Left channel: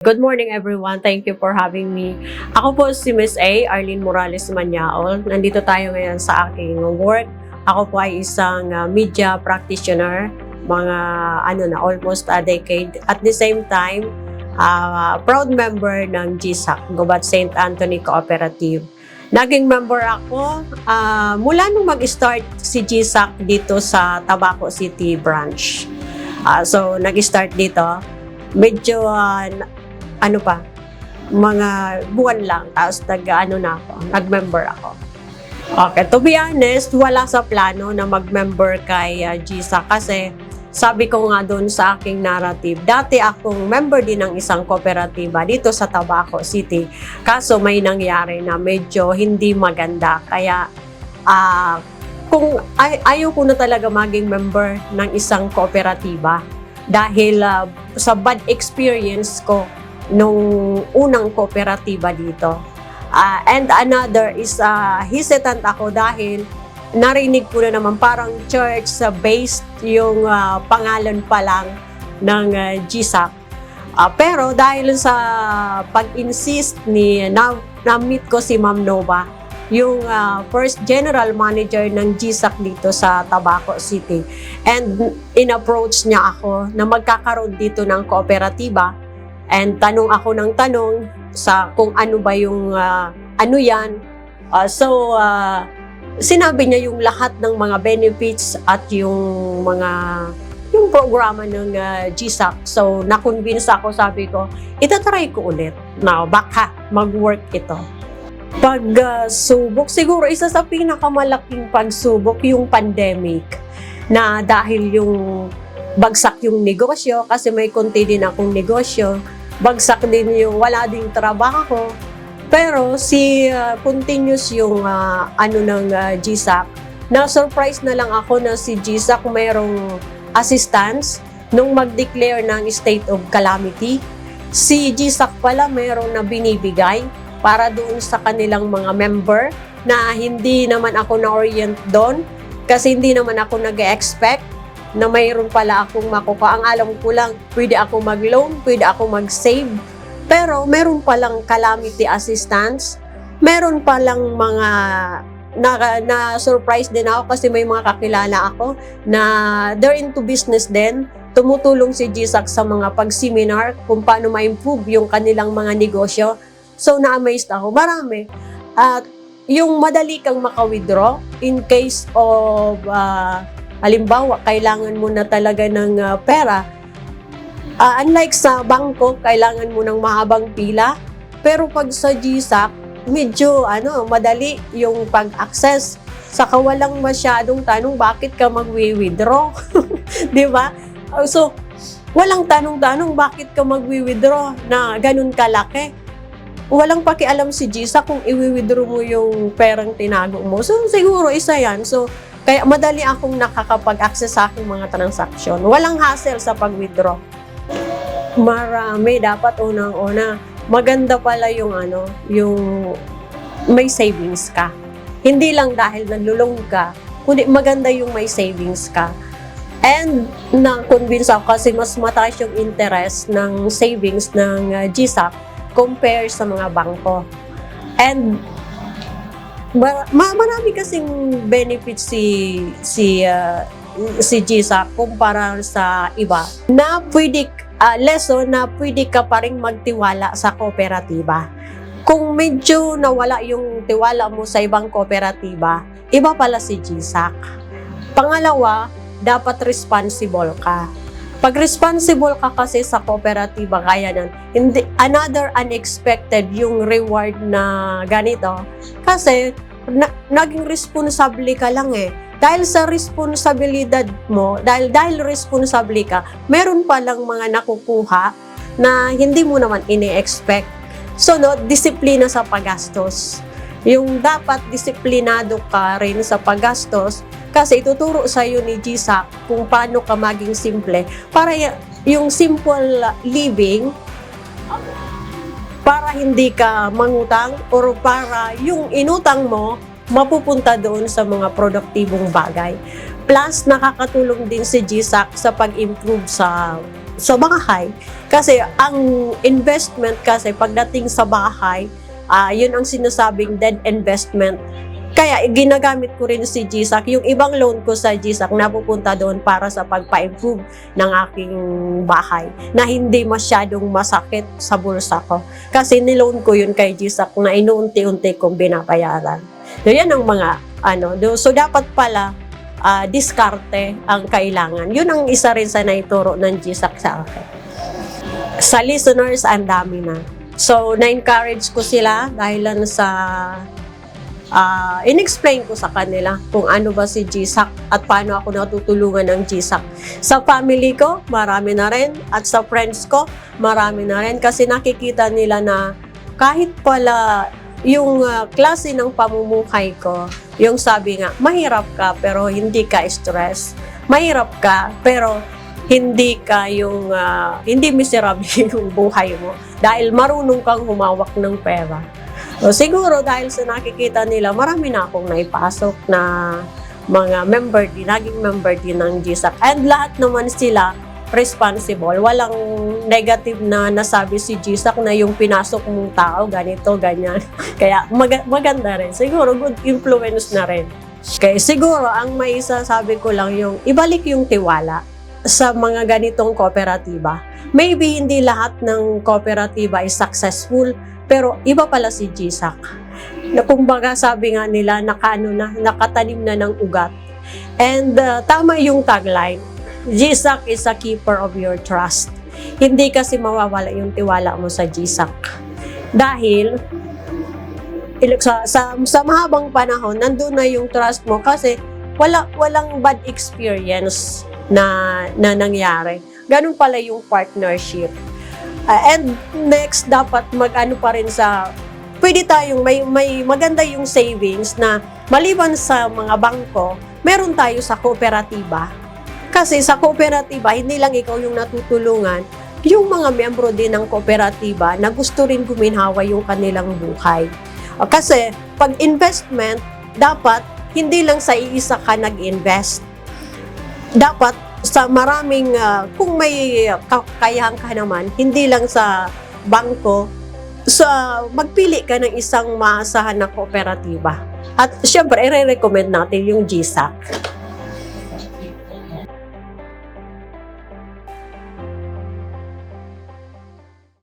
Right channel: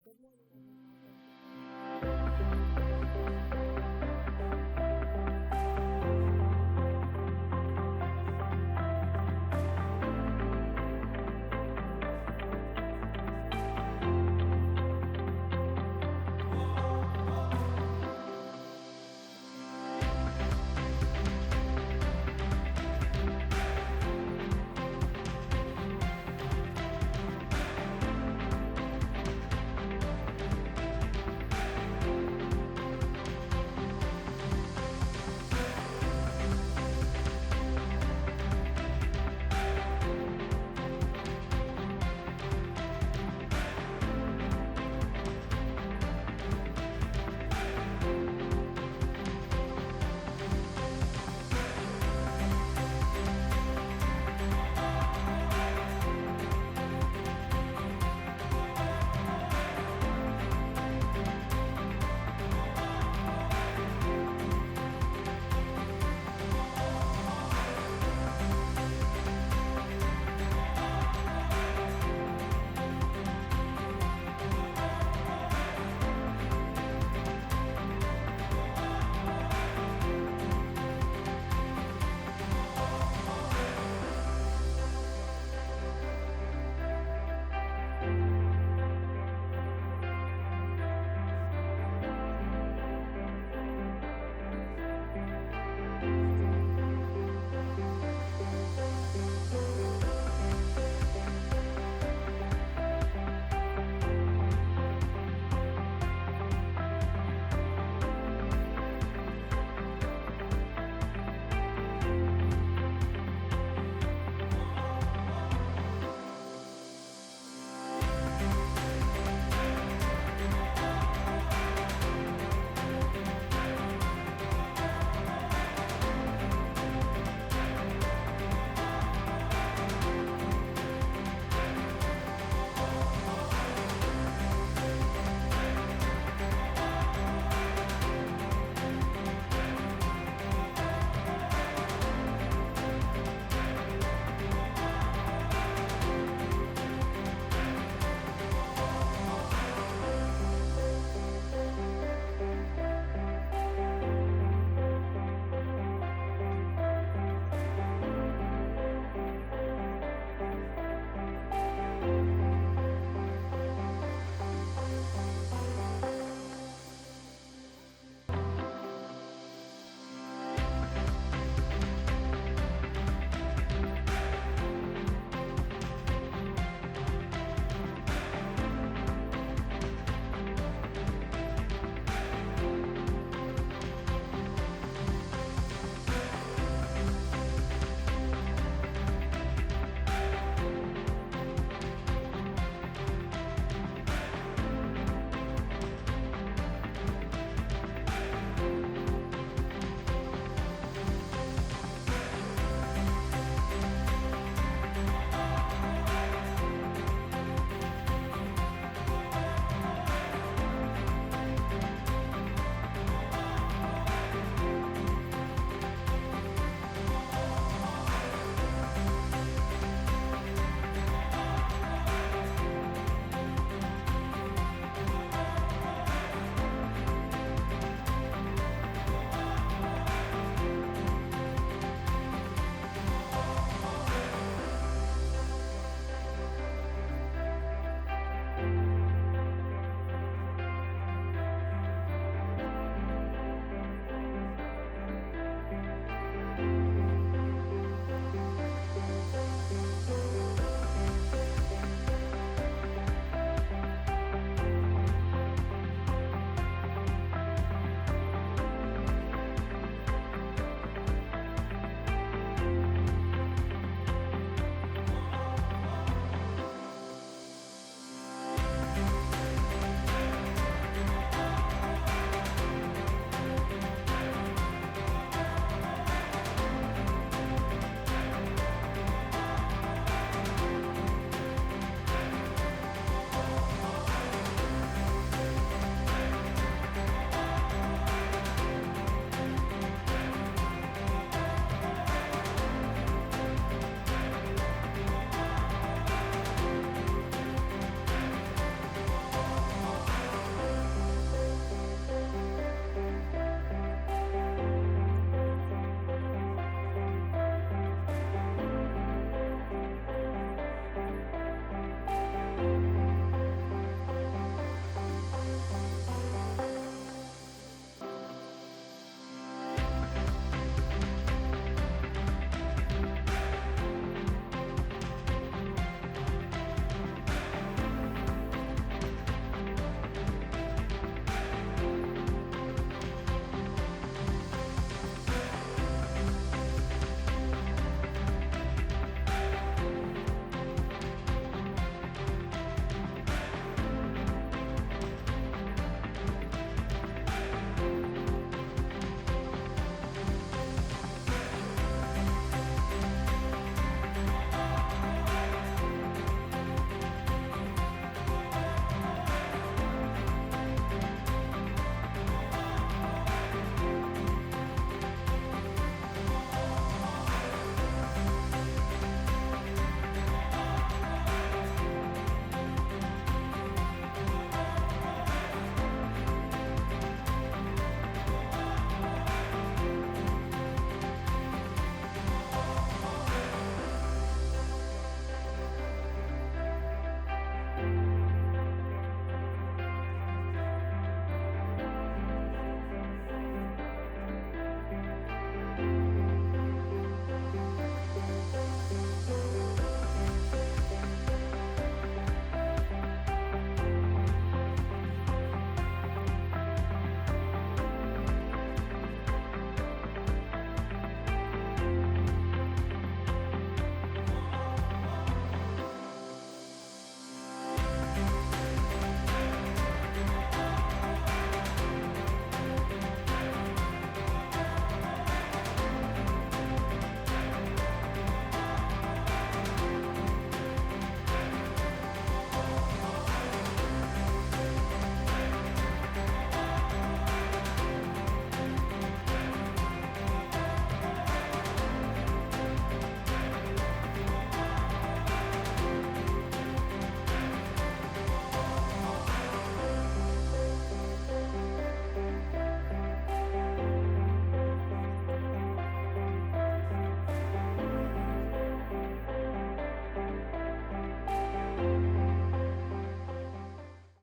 Good morning everyone. Thank you for having me. Ako po si Miss A, Arlene Morales Manyaol. Nandito tayo ngayon sa aking work. Ako po ay isang media practitioner, mga almost a decade. At the same time, proud member ng GSAC, Gubat St. Anthony Cooperative. Naging member ako mula nung mag-start si GSAC dito sa Tabaco City branch. So nag-start dito, medyo mga buwan lang, tapos nag-member ako. Okay, to be honest, wala sa plano na mag-member kay GSAC kasi sabi ko nga doon sa aking narrative, dati akong member din ng isang kooperatiba dito sa Tabaco City. Kaso may nangyari na medyo hindi maganda. Kaya kung ayaw ko na talaga maging member ng isang kooperatiba dahil sa bad experience ko nung unang kooperatiba dito. And another is hesitant ako dahil narinig ko na naman parang church-based yung pangalan pa lang ng GSAC. Pero dahil sa pag-insist na-meet ko si Ma'am Nova, yung first general manager ng GSAC dito sa Tabaco City. And in-approach niya ako na magkakaroon dito ng kooperatiba. And tanong ako ng tanong sa kung ano ba yung yan. Sinabi niya yung lahat ng mga benefits at yung programa ng GSAC. So na-convince ako, sabi ko, itatry ko ulit na baka mag-work ito. Pagsubok, siguro isa sa pinakamalaking pagsubok yung pandemic na dahil yung bagsak yung negosyo kasi may konti din akong negosyo. Bagsak din yung wala ding trabaho. Pero continuous yung ng GSAC. Na-surprise na lang ako na si GSAC mayroong assistance nung mag-declare ng state of calamity. Si GSAC pala mayroong na binibigay para doon sa kanilang mga member na hindi naman ako na-orient doon kasi hindi naman ako nag-expect na mayroon pala akong makuha. Ang alam ko lang, pwede ako mag-loan, pwede ako mag-save. Pero meron palang calamity assistance. Meron palang mga na-surprise din ako kasi may mga kakilala ako na they're into business din. Tumutulong si GSAC sa mga pag-seminar kung paano ma-improve yung kanilang mga negosyo. So na-amazed ako. Marami. At yung madali kang maka-withdraw in case of halimbawa, kailangan mo na talaga ng pera. Unlike sa bangko, kailangan mo ng mahabang pila. Pero pag sa GSAC, medyo madali yung pag-access. Saka walang masyadong tanong, bakit ka mag-withdraw? Di ba? So, walang tanong-tanong, bakit ka mag-withdraw na ganun kalaki? Walang pakialam si GSAC kung i-withdraw mo yung perang tinago mo. So, siguro isa yan. So, kaya madali akong nakakapag-access sa aking mga transaksyon. Walang hassle sa pag-withdraw. Marami. Dapat unang-una. Maganda pala yung yung may savings ka. Hindi lang dahil nalulong ka, kundi maganda yung may savings ka. And na-convince ako kasi mas mataas yung interest ng savings ng GSAC compare sa mga bangko. And marami kasing benefits si GSAC kumpara sa iba na lesson na pwede ka pa rin magtiwala sa kooperatiba. Kung medyo nawala yung tiwala mo sa ibang kooperatiba, iba pala si GSAC. Pangalawa, dapat responsible ka. Pag responsible ka kasi sa kooperatiba, kaya another unexpected yung reward na ganito. Kasi naging responsable ka lang eh. Dahil sa responsibilidad mo, dahil responsable ka, meron palang mga nakukuha na hindi mo naman ini-expect. So, disiplina sa paggastos. Yung dapat disiplinado ka rin sa paggastos kasi ituturo sa iyo ni GSAC kung paano ka maging simple para yung simple living, para hindi ka mangutang or para yung inutang mo mapupunta doon sa mga produktibong bagay. Plus, nakakatulong din si GSAC sa pag-improve sa sa bahay. Kasi ang investment kasi pagdating sa bahay, yun ang sinasabing dead investment. Kaya ginagamit ko rin si GSAC. Yung ibang loan ko sa GSAC napupunta doon para sa pagpa-improve ng aking bahay na hindi masyadong masakit sa bulsa ko. Kasi niloan ko yun kay GSAC na inuunti-unti kong binabayaran. So yan ang mga so dapat pala diskarte ang kailangan. Yun ang isa rin sa naituro ng GSAC sa akin. Sa listeners, ang dami na. So, na-encourage ko sila dahil lang sa in-explain ko sa kanila kung ano ba si GSAC at paano ako natutulungan ng GSAC. Sa family ko, marami na rin. At sa friends ko, marami na rin. Kasi nakikita nila na kahit pala yung klase ng pamumuhay ko, yung sabi nga, mahirap ka pero hindi ka stress. Mahirap ka pero hindi ka hindi miserable yung buhay mo dahil marunong kang humawak ng pera. So, siguro dahil sa nakikita nila, marami na akong naipasok na mga naging member din ng GSAC. And lahat naman sila responsible. Walang negative na nasabi si GSAC na yung pinasok mong tao, ganito, ganyan. Kaya maganda rin. Siguro good influence na rin. Kaya siguro ang may isasabi ko lang yung ibalik yung tiwala sa mga ganitong kooperatiba. Maybe hindi lahat ng kooperatiba is successful, pero iba pala si GSAC. Na kumbaga sabi nga nila, nakatanim na ng ugat. And tama yung tagline, GSAC is a keeper of your trust. Hindi kasi mawawala yung tiwala mo sa GSAC. Dahil sa mahabang panahon, nandun na yung trust mo kasi walang bad experience na nangyari. Ganun pala yung partnership. And next, dapat mag-ano pa rin pwede tayong may maganda yung savings na maliban sa mga bangko, meron tayo sa kooperatiba. Kasi sa kooperatiba, hindi lang ikaw yung natutulungan, yung mga miyembro din ng kooperatiba na gusto rin guminhawa yung kanilang buhay. Kasi pag investment, dapat hindi lang sa iisa ka nag-invest. Dapat sa maraming, kung may kakayahan ka naman, hindi lang sa bangko, magpili ka ng isang maasahan na kooperatiba. At syempre, i-recommend natin yung GSAC.